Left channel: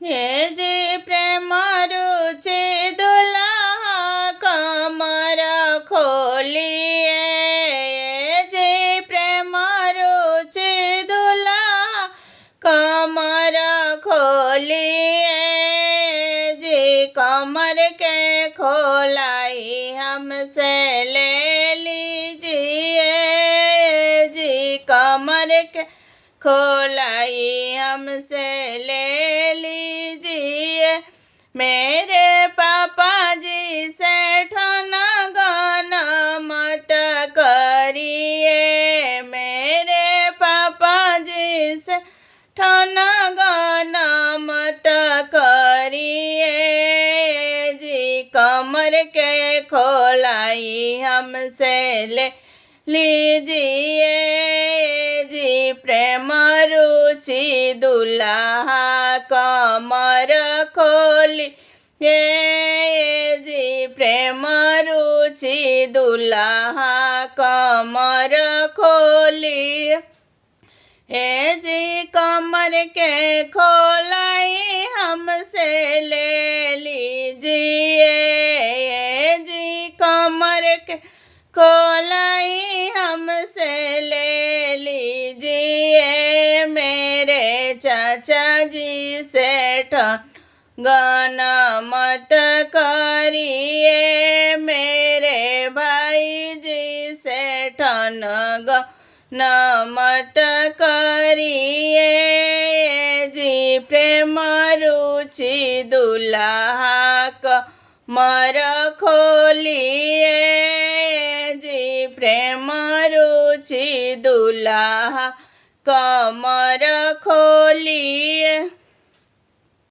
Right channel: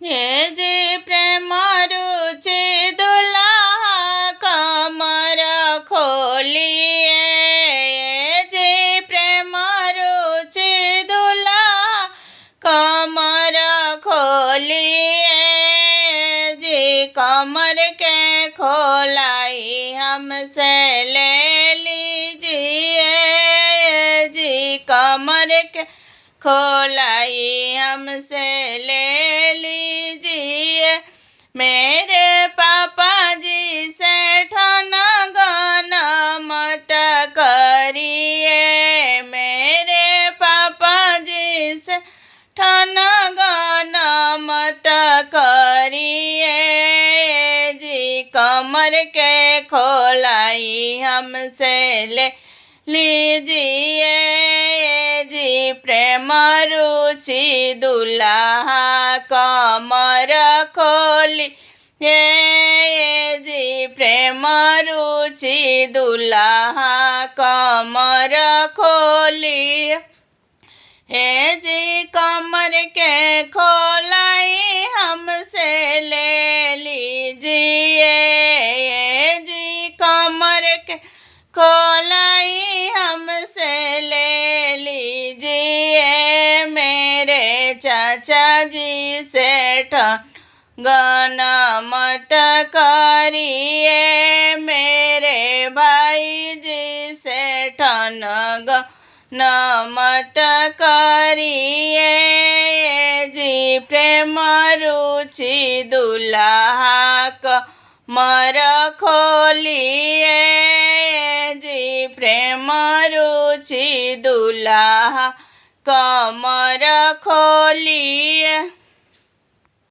हे जी प्रेम रुचि दुल्हा कमर खोलिए। हे जी प्रेम रुचि दुल्हा कमर खोलिए। जी कमर के खोलाई हमसे ले लीजिए। जी कमर के खोलाई हमसे ले लीजिए। मेरे पापा जी से ठना गाना मत करिए। मेरे पापा जी से ठना गाना मत करिए। जी कमर के खोलाई हमसे ले लीजिए। जी प्रेम रुचि दुल्हा कमर खोली। ये जी प्रेम रुचि दुल्हा कमर खोली। हे जी कमर के खोलाई हमसे ले लीजिए। हे जी कमर के खोलाई हमसे ले लीजिए। मेरे चाचा जी से गाना मत करिए। मेरे भाई जी से गाना मत करिए। जी प्रेम रुचि दुल्हा कमर खोलिए। जी प्रेम रुचि दुल्हा कमर खोलिए।